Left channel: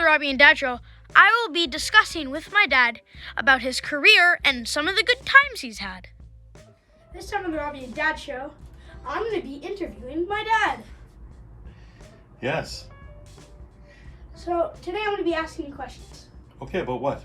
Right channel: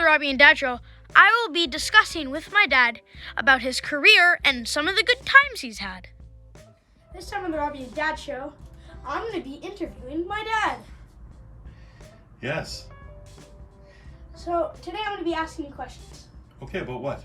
the Robbie and Dad Show, I will be discussing with my dad about his career and some of the good times he's had. This time on the Robbie and Dad Show, I'm going to be interviewing my dad. Yes. So today I'm going to be asking you questions. Okay, about what?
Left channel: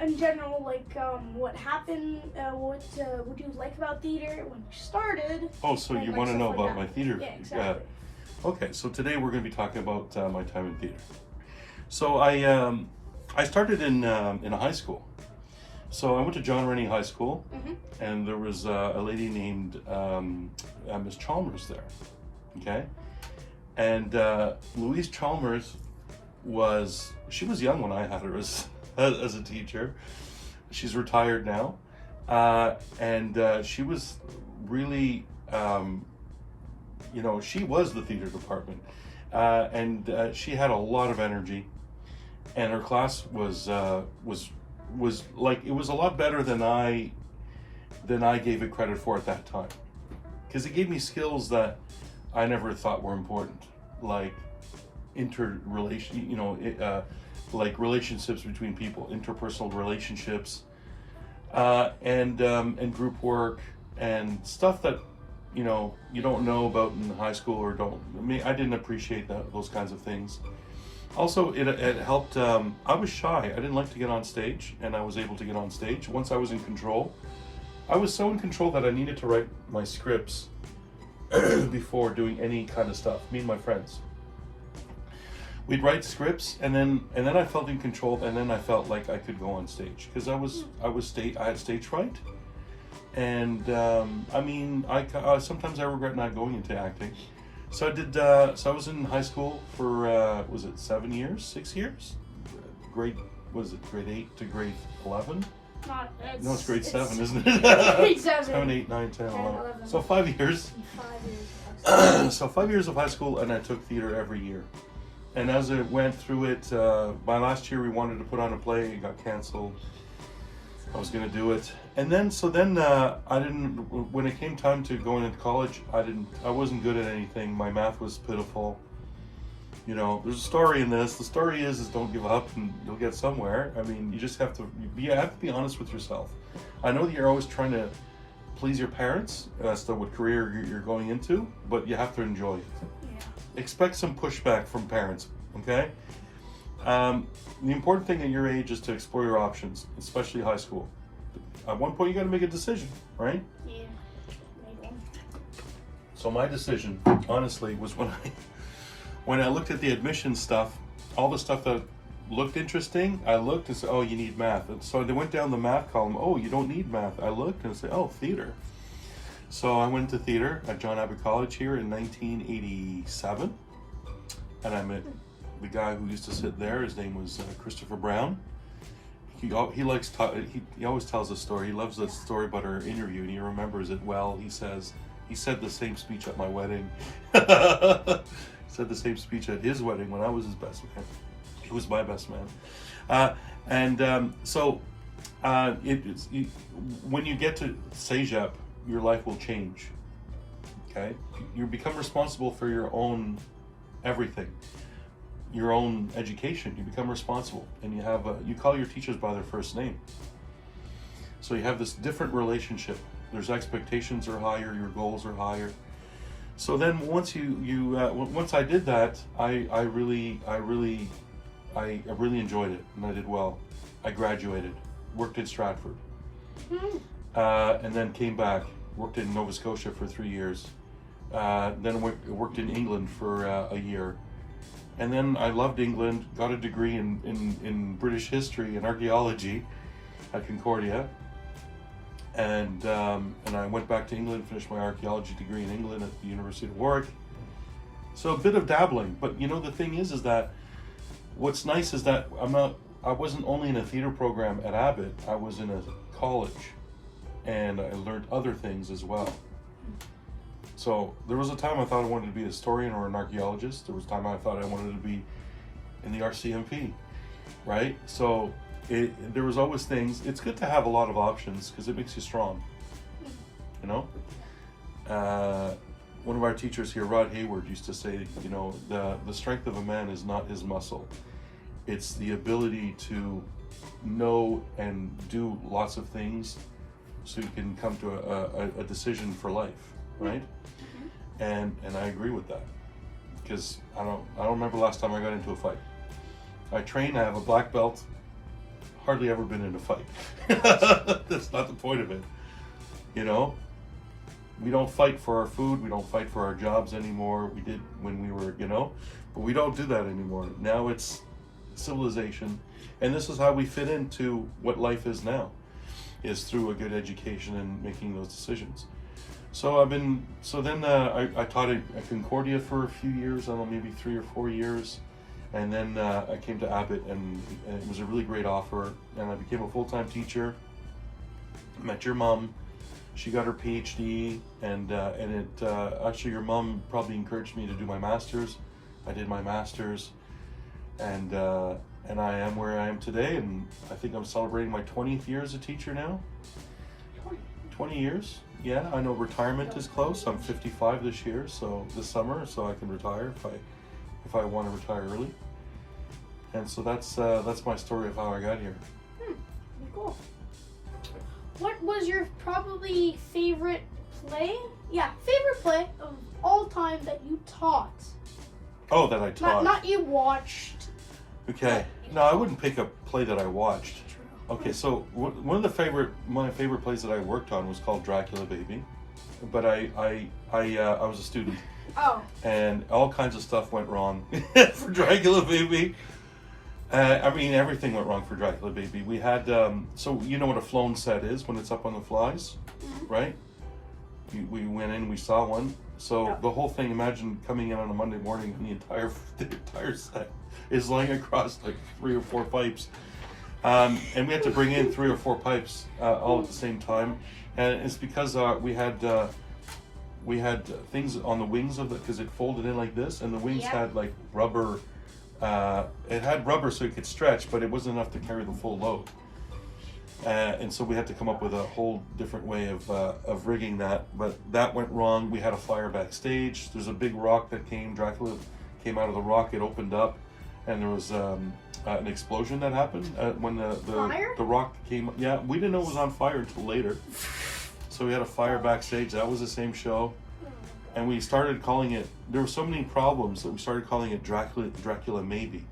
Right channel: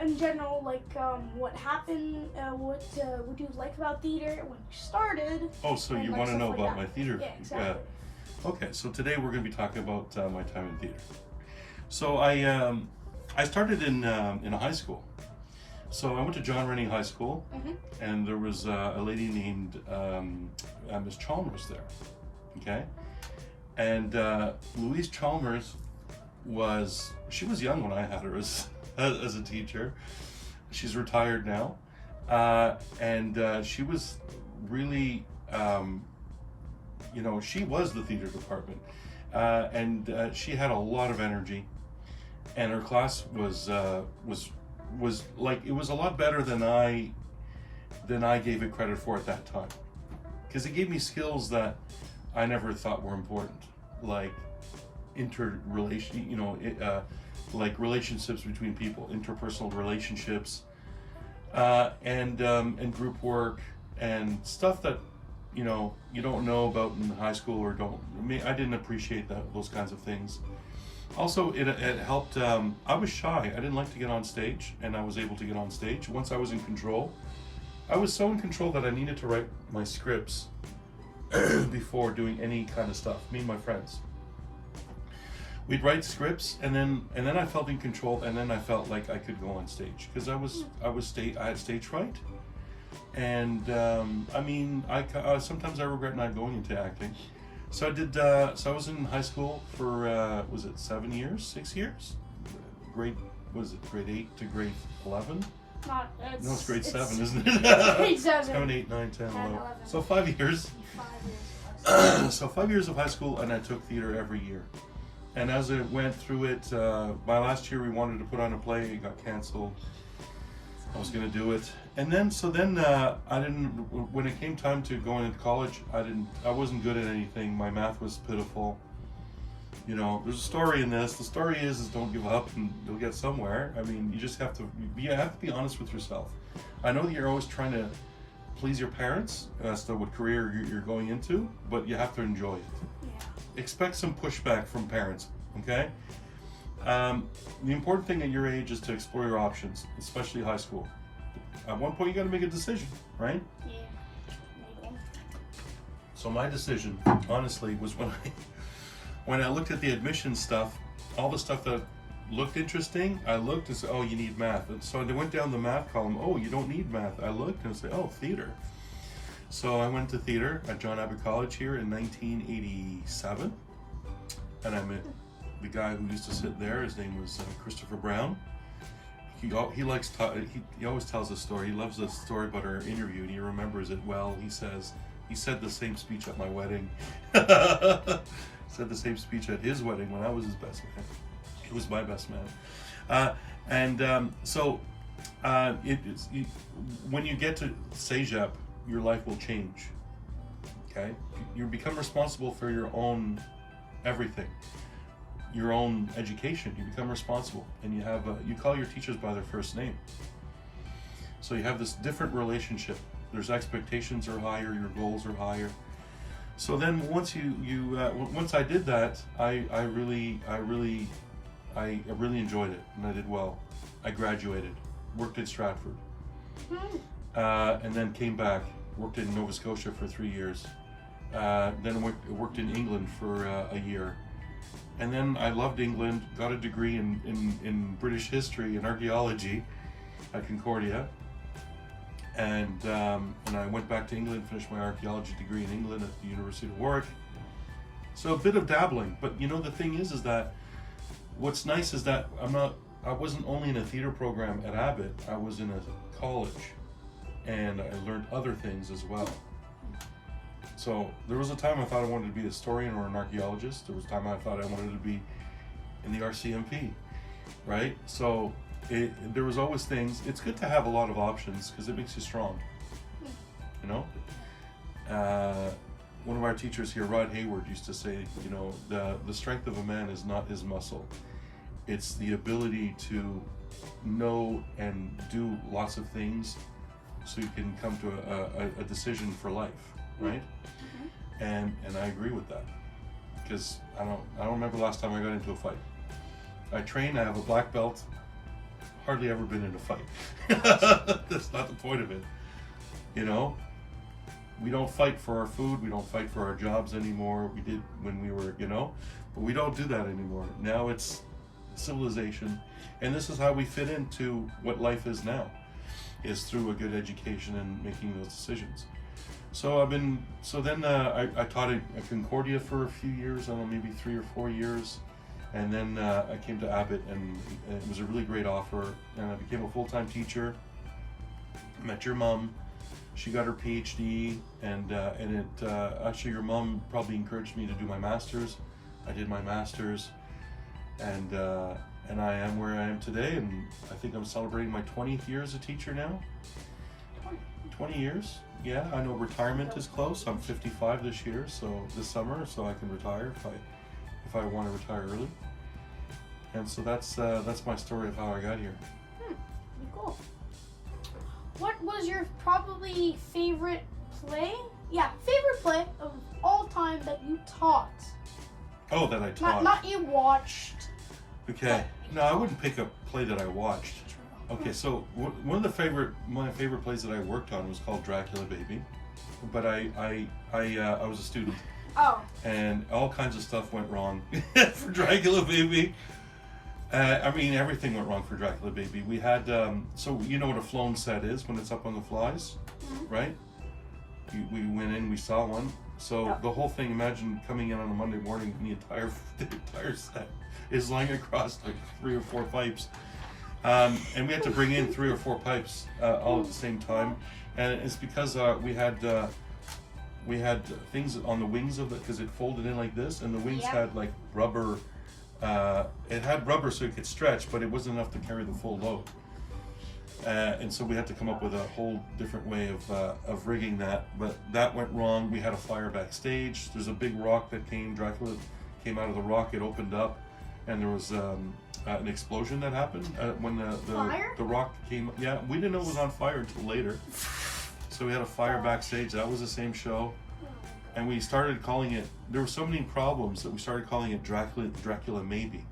In general, like what happened, what you like about theater when you started. Oh, so you want to know about my theater? Yeah, exactly. Okay, so today we're going to be talking about my time in theater. So I started in a high school. So I went to John Rennie High School, and there was a lady named Miss Chalmers there. Okay, and Louise Chalmers was young when I had her as a teacher. She's retired now, and she was really, she was the theater department, and she had a lot of energy, and her class was like, it was a lot better than I gave it credit for at that time, because it gave me skills that I never thought were important, like like relationships between people, interpersonal relationships, and group work, and stuff that you don't know about in high school, or I didn't appreciate those kinds of things. Also, it helped. I was shy. I didn't like to get on stage, and I was able to get on stage once I was in control. I was so in control that I needed to write my scripts before doing any kind of stuff. Me and my friends, we'd write scripts, and then I felt in control, and then I felt like I could go on stage, because I had stage fright, and sometimes I regret not going into acting. So I did. So I was in high school for 6 years? Grade 8 to grade 11? No, it's grade 7, isn't it? Grade 7. 7, 8, 9, 10, 11. So 5 years. 5 years. So 5 years of high school, and I took theater every year. And as I went through it, my last year we wanted to put on a play. It got canceled. I was going to do it, and then I didn't. When it came time to going into college, I wasn't good at anything. My math was pitiful. There's a story in this. The story is don't give up, and you'll get somewhere. I mean, you just have to be honest with yourself. I know that you're always trying to please your parents as to what career you're going into, but you have to enjoy it. Yeah. Expect some pushback from parents, okay? The important thing at your age is to explore your options, especially high school. At one point, you got to make a decision, right? Yeah. Maybe. So my decision, honestly, was when I looked at the admission stuff, all the stuff that looked interesting, I looked and said, oh, you need math. And so they went down the math column. Oh, you don't need math. I looked and said, oh, theater. So I went to theater at John Abbott College here in 1987, and I met the guy who used to sit there. His name was Christopher Brown. He always tells a story. He loves the story about our interview, and he remembers it well. He said the same speech at my wedding. Said the same speech at his wedding when I was his best man. He was my best man. When you get to Cégep, your life will change. Okay, you become responsible for your own everything. Your own education, you become responsible, and you call your teachers by their first name. So you have this different relationship. There's expectations are higher, your goals are higher. So then once once I did that, I really enjoyed it, and I did well. I graduated, worked at Stratford, and then came back, worked in Nova Scotia for 3 years. Then worked in England for a year. And then I loved England, got a degree in British history and archaeology at Concordia. And I went back to England, finished my archaeology degree in England at the University of Warwick. So a bit of dabbling, but the thing is that what's nice is that I wasn't only in a theater program at Abbott, I was in a college, and I learned other things as well. So there was a time I thought I wanted to be a historian or an archaeologist. There was a time I thought I wanted to be in the RCMP, right? So there was always things. It's good to have a lot of options because it makes you strong, one of our teachers here, Rod Hayward, used to say, you know, the strength of a man is not his muscle. It's the ability to know and do lots of things so you can come to a decision for life, right? And I agree with that, because I don't remember last time I got into a fight. I train, I have a black belt, hardly ever been in a fight. That's not the point of it, you know? We don't fight for our food, we don't fight for our jobs anymore. We did when we were, you know, but we don't do that anymore. Now it's civilization, and this is how we fit into what life is now, is through a good education and making those decisions. So I taught at Concordia for a few years, I don't know, maybe 3 or 4 years. And then I came to Abbott, and it was a really great offer, and I became a full-time teacher. Met your mom. She got her PhD, and actually your mom probably encouraged me to do my master's. I did my master's, and I am where I am today, and I think I'm celebrating my 20th year as a teacher now. 20 years? Yeah, I know retirement is close. I'm 55 this year, so this summer, so I can retire if I want to retire early. And so that's my story of how I got here. Cool. What was your probably favorite play? Yeah, favorite play of all time that you taught? Oh, that I taught. Not you watched. Okay. No, I wouldn't pick a play that I watched. Okay, so one of my favorite plays that I worked on was called Dracula Baby, but I was a student. Oh. And all kinds of stuff went wrong for Dracula Baby. I mean, everything went wrong for Dracula Baby. We had, so you know what a flown set is when it's up on the flies, right? We went in, we saw one. So the whole thing, imagine coming in on a Monday morning and the entire set is lying across like 3 or 4 pipes. And we had to bring in 3 or 4 pipes all at the same time. And it's because we had things on the wings of it, because it folded in like this, and the wings had like rubber. It had rubber so it could stretch, but it wasn't enough to carry the full load. And so we had to come up with a whole different way of rigging that. But that went wrong. We had a fire backstage. There's a big rock that came. Dracula came out of the rock. It opened up, and there was an explosion that happened when the rock came. Yeah, we didn't know it was on fire until later. So we had a fire backstage. That was the same show. And we started calling it, there were so many problems that we started calling it Dracula Maybe.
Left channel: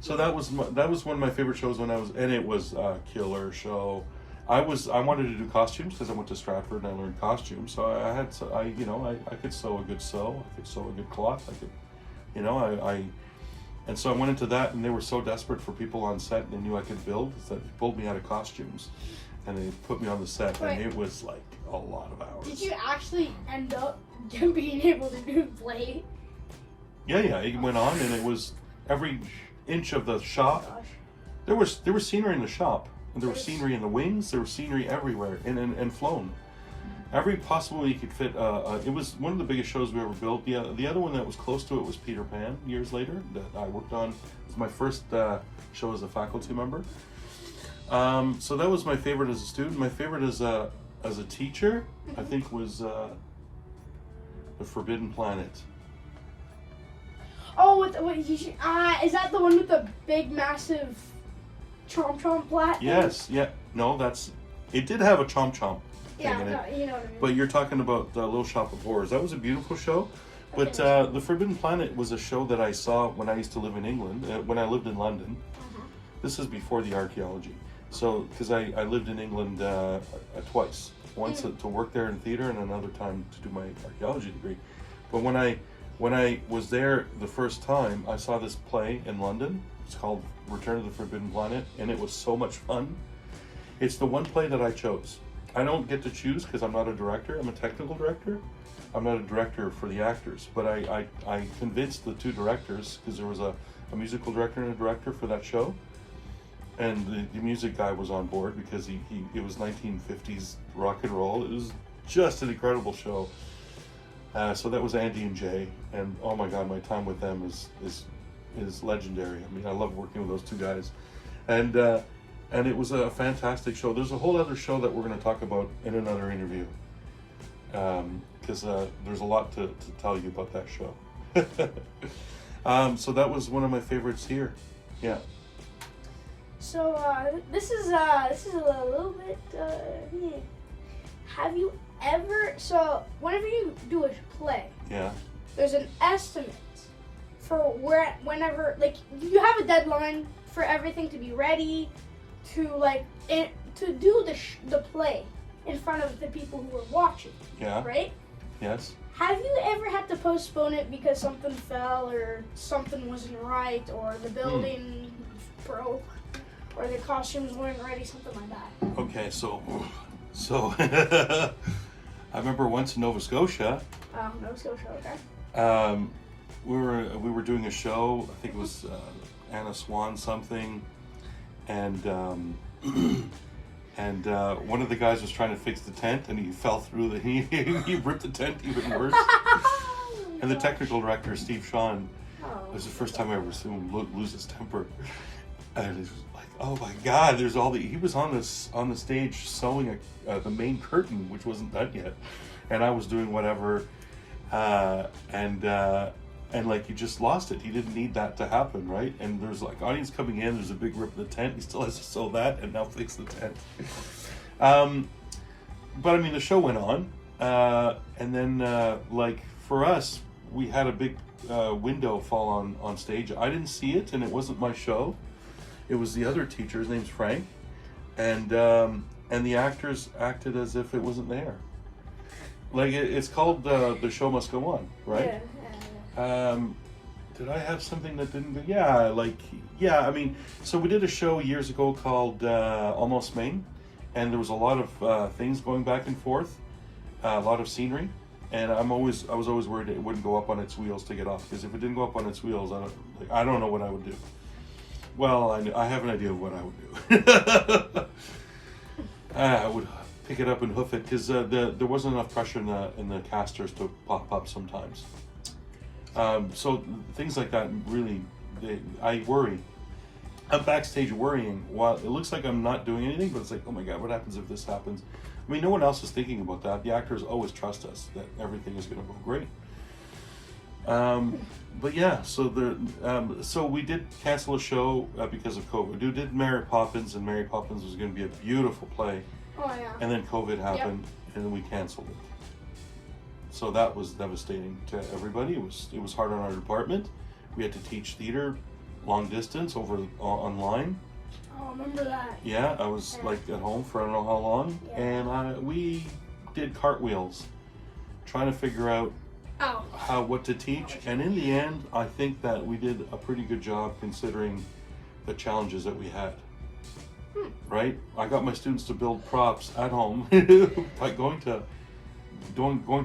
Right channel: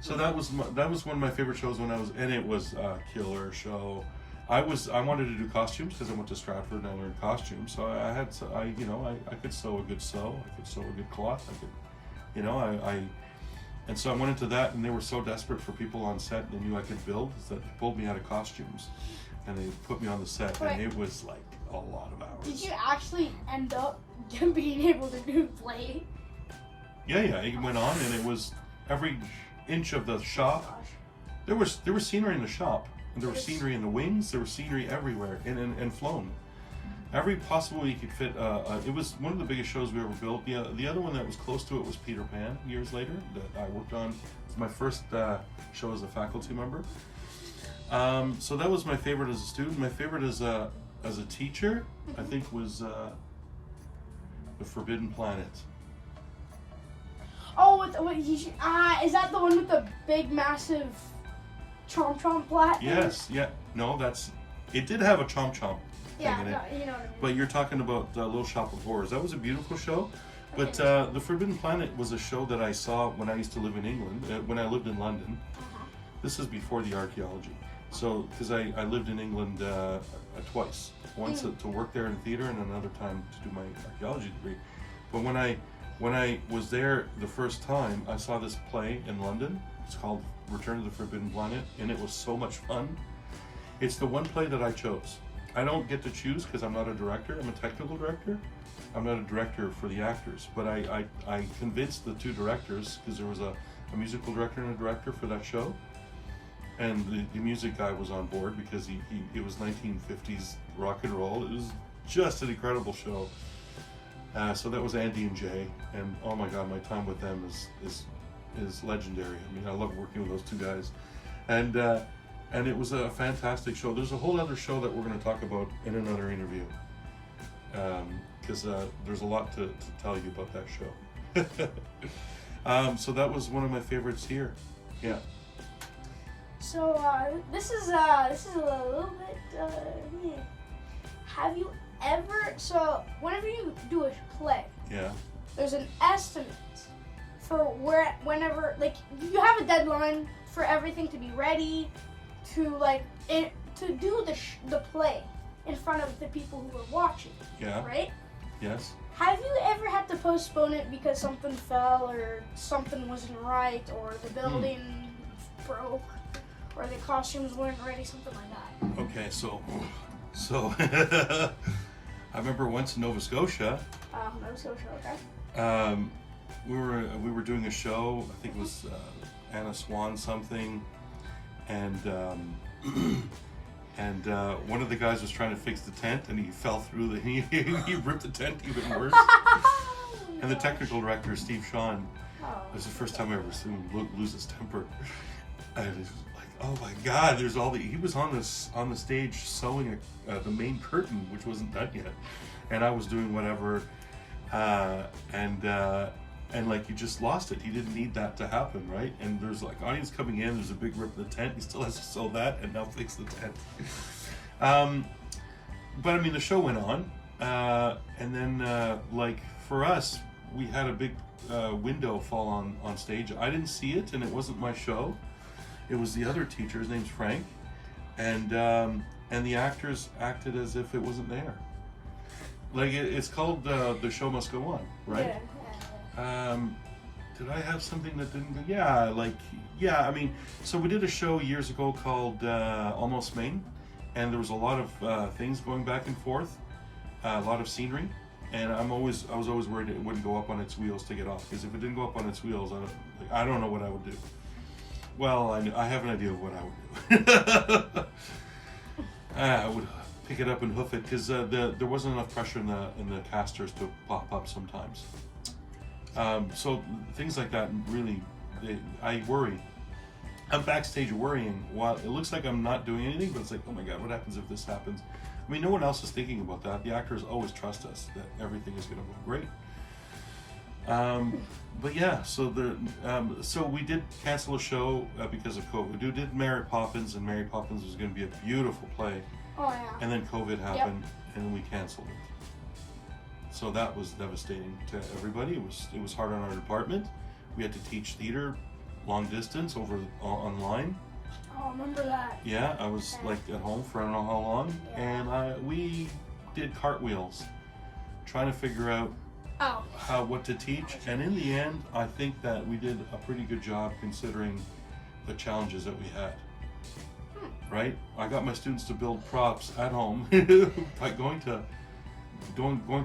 So that was one of my favorite shows and it was a killer show. I wanted to do costumes because I went to Stratford and I learned costumes. So I could sew a good sew. I could sew a good cloth. And so I went into that, and they were so desperate for people on set. They knew I could build, that they pulled me out of costumes. And they put me on the set, and it was like a lot of hours. Did you actually end up being able to do play? Yeah, it went on, and it was every inch of the shop. There was scenery in the shop, and there was scenery in the wings. There was scenery everywhere, and flown. Every possible way you could fit. It was one of the biggest shows we ever built. The other one that was close to it was Peter Pan. Years later, that I worked on. It was my first show as a faculty member. So that was my favorite as a student. My favorite as a teacher, I think, was The Forbidden Planet. Oh, is that the one with the big, massive chomp plat? Yes, yeah. No, it did have a chomp thing in it. No, you know what I mean. But you're talking about Little Shop of Horrors. That was a beautiful show. But The Forbidden Planet was a show that I saw when I used to live in England, when I lived in London. This is before the archaeology. So, because I lived in England twice. Once to work there in theater, and another time to do my archaeology degree. But when I was there the first time, I saw this play in London. It's called Return to the Forbidden Planet, and it was so much fun. It's the one play that I chose. I don't get to choose because I'm not a director. I'm a technical director. I'm not a director for the actors. But I convinced the 2 directors, because there was a musical director and a director for that show. And the music guy was on board because it was 1950s rock and roll. It was just an incredible show. So that was Andy and Jay, and oh my God, my time with them is legendary. I mean, I love working with those 2 guys. And And it was a fantastic show. There's a whole other show that we're going to talk about in another interview, because there's a lot to tell you about that show. So that was one of my favorites here. Yeah. So this is a little bit. Have you ever? So whenever you do a play, Yeah. there's an estimate for whenever, like, you have a deadline for everything to be ready to to do the play in front of the people who are watching. Yeah. Right? Yes. Have you ever had to postpone it because something fell or something wasn't right or the building broke or the costumes weren't ready, something like that? Okay, so I remember once in Nova Scotia. Nova Scotia, okay. We were doing a show. I think it was Anna Swan something, and one of the guys was trying to fix the tent, and he fell through he ripped the tent even worse. And the technical director, Steve Sean, it was the first time I ever seen him lose his temper. And it was like, oh my God! He was on the stage sewing the main curtain, which wasn't done yet, and I was doing whatever, and like, he just lost it. He didn't need that to happen, right? And there's like audience coming in. There's a big rip of the tent. He still has to sew that and now fix the tent. But I mean, the show went on, and then like for us, we had a big window fall on stage. I didn't see it, and it wasn't my show. It was the other teacher. His name's Frank, and the actors acted as if it wasn't there. Like, it's called The Show Must Go On, right? Yeah. Did I have something that didn't go? Yeah, I mean, so we did a show years ago called Almost Maine, and there was a lot of things going back and forth, a lot of scenery, and I was always worried it wouldn't go up on its wheels to get off, because if it didn't go up on its wheels, I don't know what I would do. Well, I have an idea of what I would do. I would pick it up and hoof it, because there wasn't enough pressure in the casters to pop up sometimes. So things like that really, I worry. I'm backstage worrying while it looks like I'm not doing anything, but it's like, oh my God, what happens if this happens? I mean, no one else is thinking about that. The actors always trust us that everything is going to go great. But yeah, so we did cancel a show because of COVID. We did Mary Poppins, and Mary Poppins was going to be a beautiful play. Oh yeah. And then COVID happened, and then we canceled it. So that was devastating to everybody. It was hard on our department. We had to teach theater long distance online. Oh, I remember that. Yeah, I was like at home for I don't know how long, and we did cartwheels, trying to figure out what to teach. And in the end, I think that we did a pretty good job considering the challenges that we had. Right? I got my students to build props at home by going to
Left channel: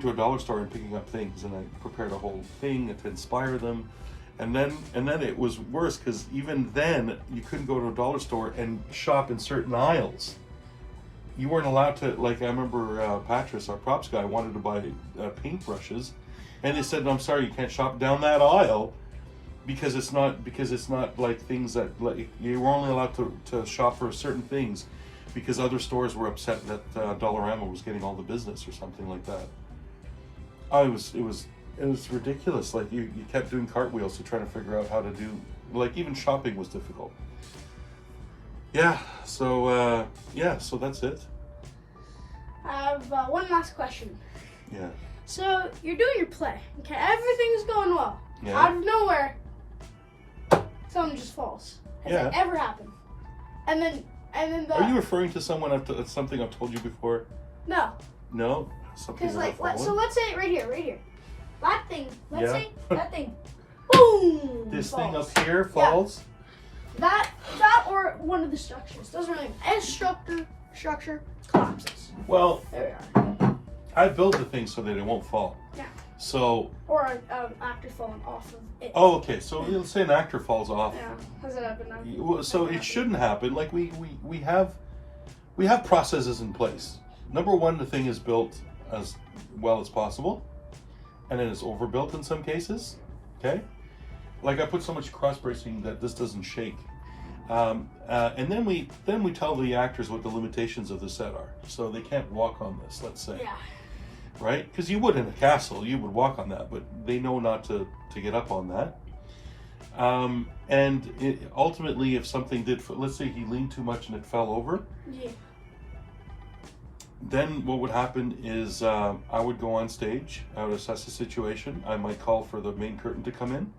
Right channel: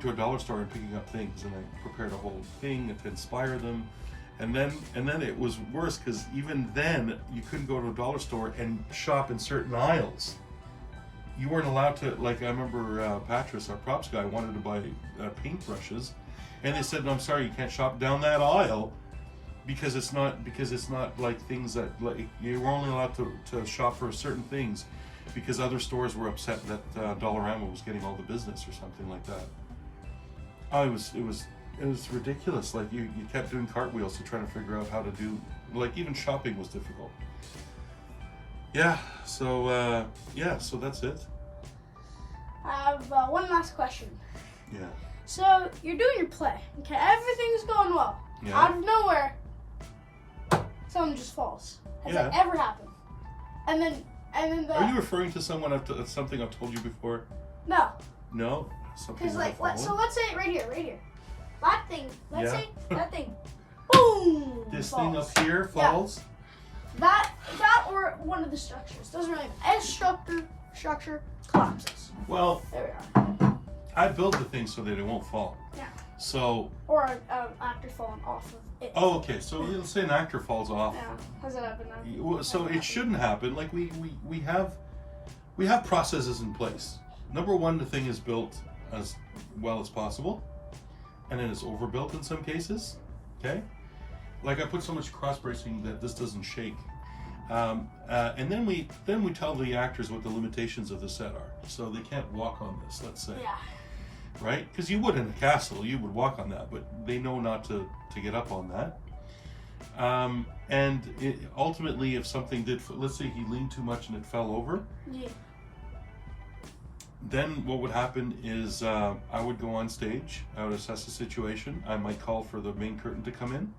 a dollar store and picking up things, and I prepared a whole thing to inspire them. And then it was worse, because even then you couldn't go to a dollar store and shop in certain aisles. You weren't allowed to, like, I remember Patras, our props guy, wanted to buy paintbrushes, and they said, no, I'm sorry, you can't shop down that aisle because it's not like things that, like, you were only allowed to shop for certain things because other stores were upset that Dollarama was getting all the business or something like that. Oh, it was ridiculous. Like, you kept doing cartwheels to try to figure out how to do, like, even shopping was difficult. Yeah, so that's it. I have one last question. Yeah. So you're doing your play, okay? Everything's going well. Yeah. Out of nowhere, something just falls. Has that ever happened? And then Are you referring to something I've told you before? No. No? Something Because let's say it right here. That thing. Let's Yeah. say that thing. Boom. This falls. thing up here falls? Yeah. That or one of the structures. Doesn't really matter. Any structure collapses. Well, There we are. I build the thing so that it won't fall. Yeah. So. Or an actor falling off of it. Oh, okay. So let's say an actor falls off. Yeah. Has it happened? So it shouldn't happen. Like, we have processes in place. Number one, the thing is built as well as possible, and then it's overbuilt in some cases. Okay. Like, I put so much cross bracing that this doesn't shake. And then we tell the actors what the limitations of the set are, so they can't walk on this. Let's say, Yeah. right? Because you would in a castle, you would walk on that, but they know not to get up on that. Ultimately, if something did, let's say he leaned too much and it fell over, Yeah. then what would happen is I would go on stage, I would assess the situation, I might call for the main curtain to come in.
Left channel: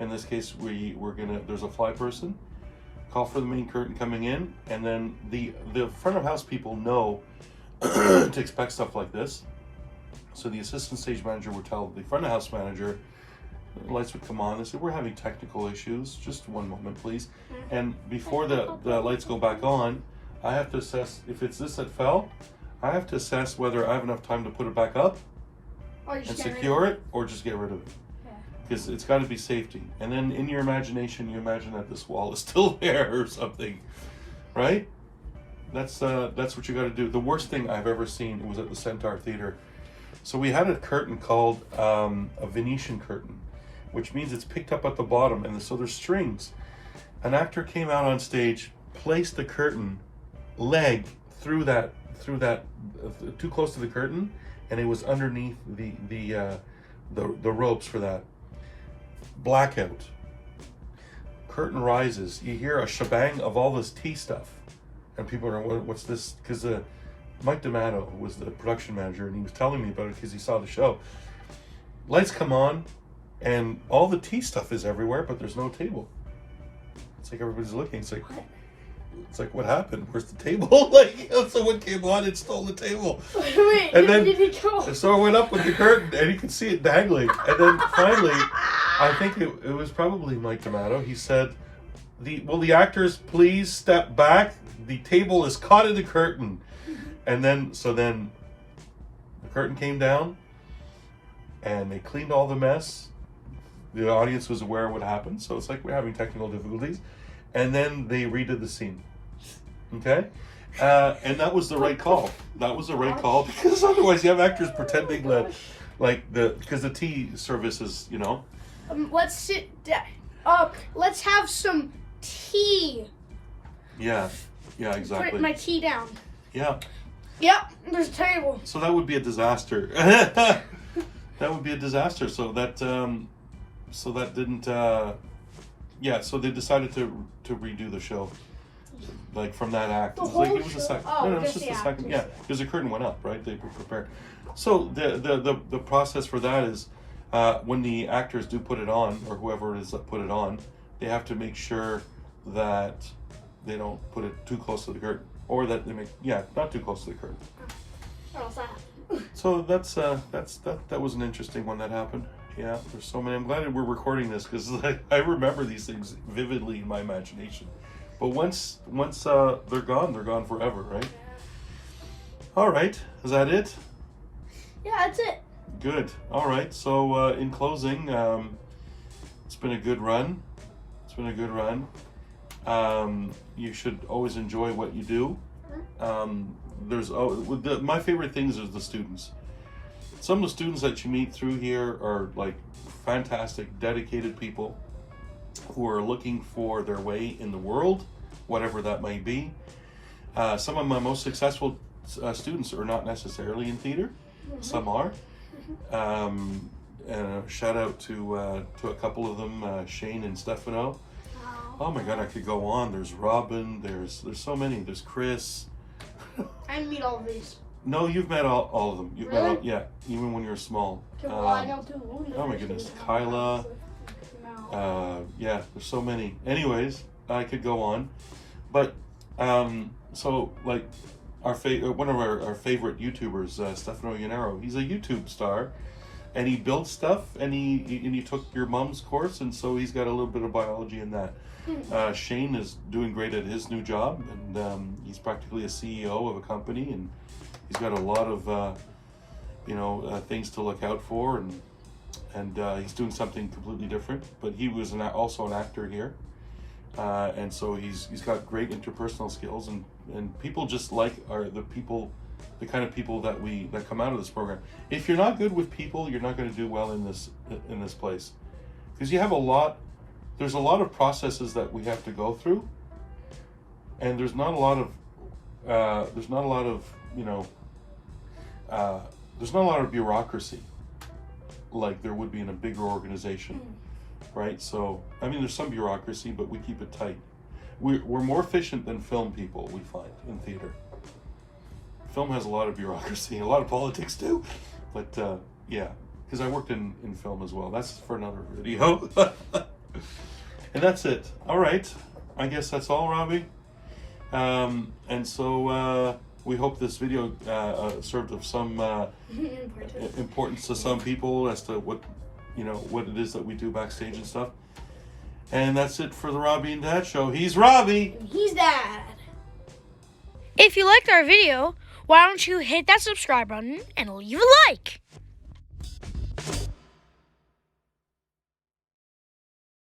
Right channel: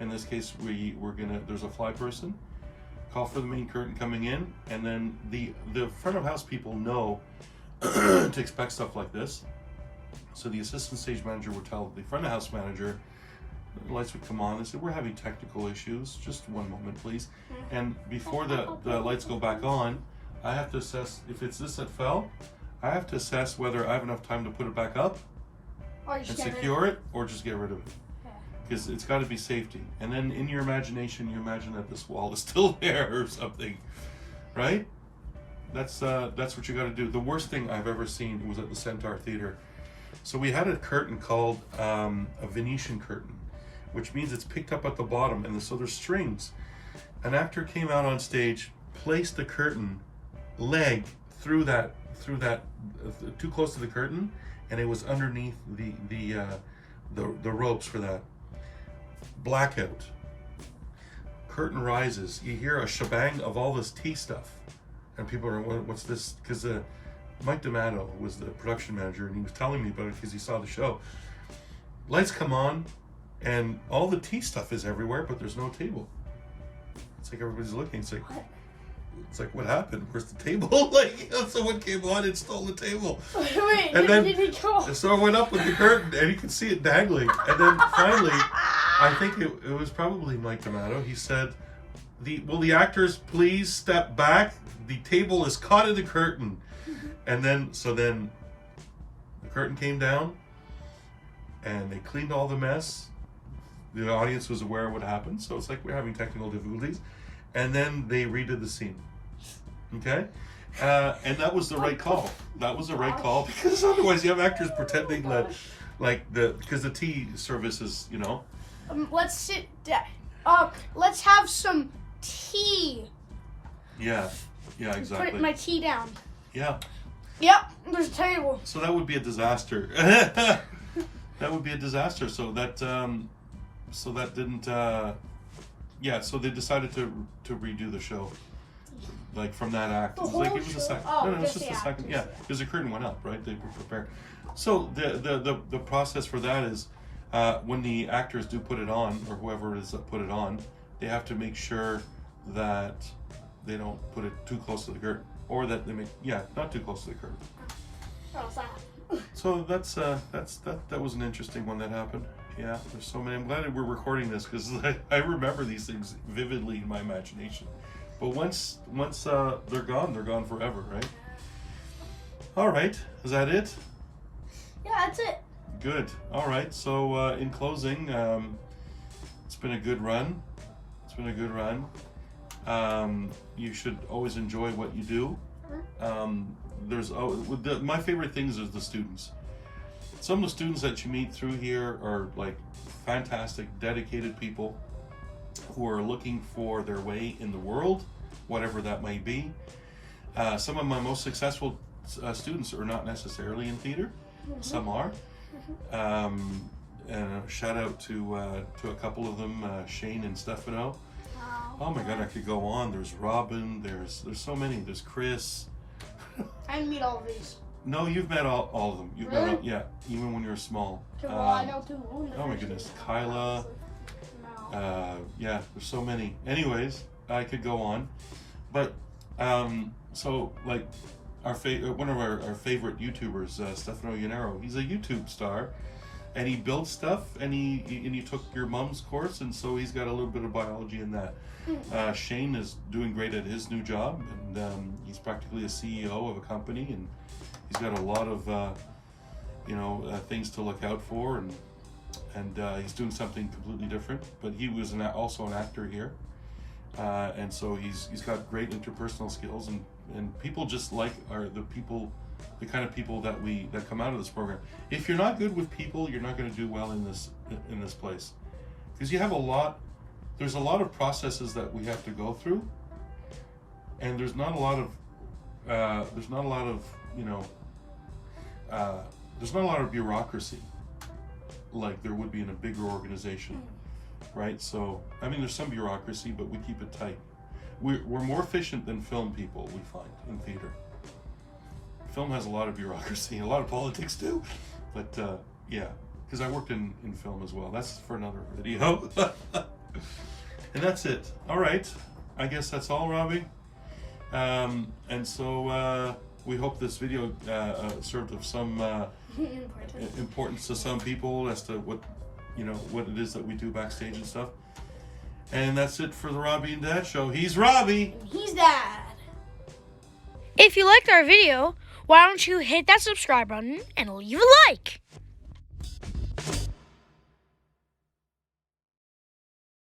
In this case, there's a fly person, call for the main curtain coming in, and then the front of house people know to expect stuff like this. So the assistant stage manager would tell the front of house manager, the lights would come on, they said, we're having technical issues, just one moment please. And before the lights go back on, I have to assess, if it's this that fell, I have to assess whether I have enough time to put it back up and secure it, or just get rid of it. Because it's got to be safety. And then in your imagination, you imagine that this wall is still there or something, right? That's what you got to do. The worst thing I've ever seen was at the Centaur Theater. So we had a curtain called a Venetian curtain, which means it's picked up at the bottom, and so there's strings. An actor came out on stage, placed the curtain leg through that too close to the curtain, and it was underneath the ropes for that. Blackout. Curtain rises. You hear a shebang of all this tea stuff, and people are, what's this? Because Mike D'Amato was the production manager, and he was telling me about it because he saw the show. Lights come on, and all the tea stuff is everywhere, but there's no table. It's like everybody's looking. It's like, what happened? Where's the table? Like, someone came on and stole the table. Wait, and then, did he go? So I went up with the curtain, and you could see it dangling. And then finally, I think it was probably Mike D'Amato. He said, will the actors please step back? The table is caught in the curtain. And then the curtain came down, and they cleaned all the mess. The audience was aware of what happened, so it's like we're having technical difficulties. And then they redid the scene. Okay? And that was the right call. That was the right call, because otherwise you have actors pretending that, because the tea service is, Let's sit down. Let's have some tea. Yeah, exactly. Put my tea down. Yeah. Yep, there's a table. So that would be a disaster. That would be a disaster. So that didn't. So they decided to redo the show, like from that act. The It whole was a show? second. Oh, No, it was just just the a second. actors. Yeah, because the curtain went up, right? They were prepared. So the process for that is when the actors do put it on, or whoever it is that put it on, they have to make sure that they don't put it too close to the curtain, or that they not too close to the curtain. Oh, sorry. So that was an interesting one that happened. Yeah, there's so many. I'm glad that we're recording this, because I remember these things vividly in my imagination. But once they're gone forever, right? All right, is that it? Yeah, that's it. Good. All right. So in closing, it's been a good run. You should always enjoy what you do. My favorite things is the students. Some of the students that you meet through here are like fantastic, dedicated people who are looking for their way in the world, whatever that may be. Some of my most successful students are not necessarily in theater. Some are. And shout out to a couple of them, Shane and Stefano. Oh my God, I could go on. There's Robin. There's so many. There's Chris. I didn't meet all of these. No, you've met all of them. You've Really? met all, even when you were small. Well, I know two. Oh my goodness, Kyla. No. There's so many. Anyways, I could go on, but so like one of our favorite YouTubers, Stefano Yanero, he's a YouTube star, and he builds stuff, and he took your mom's course, and so he's got a little bit of biology in that. Shane is doing great at his new job, and he's practically a CEO of a company, and he's got a lot of things to look out for, and he's doing something completely different. But he was also an actor here, and so he's got great interpersonal skills, and people just like the kind of people that come out of this program. If you're not good with people, you're not going to do well in this place, because there's a lot of processes that we have to go through and there's not a lot of you know, there's not a lot of bureaucracy like there would be in a bigger organization, right? So I mean, there's some bureaucracy, but we keep it tight. We're more efficient than film people, we find, in theater. Film has a lot of bureaucracy, a lot of politics too, but yeah, because I worked in film as well. That's for another video. And that's it. All right, I guess that's all, Robbie. And so we hope this video served of some importance to some people as to what it is that we do backstage and stuff. And that's it for the Robbie and Dad Show. He's Robbie. He's Dad. If you liked our video, why don't you hit that subscribe button and leave a like?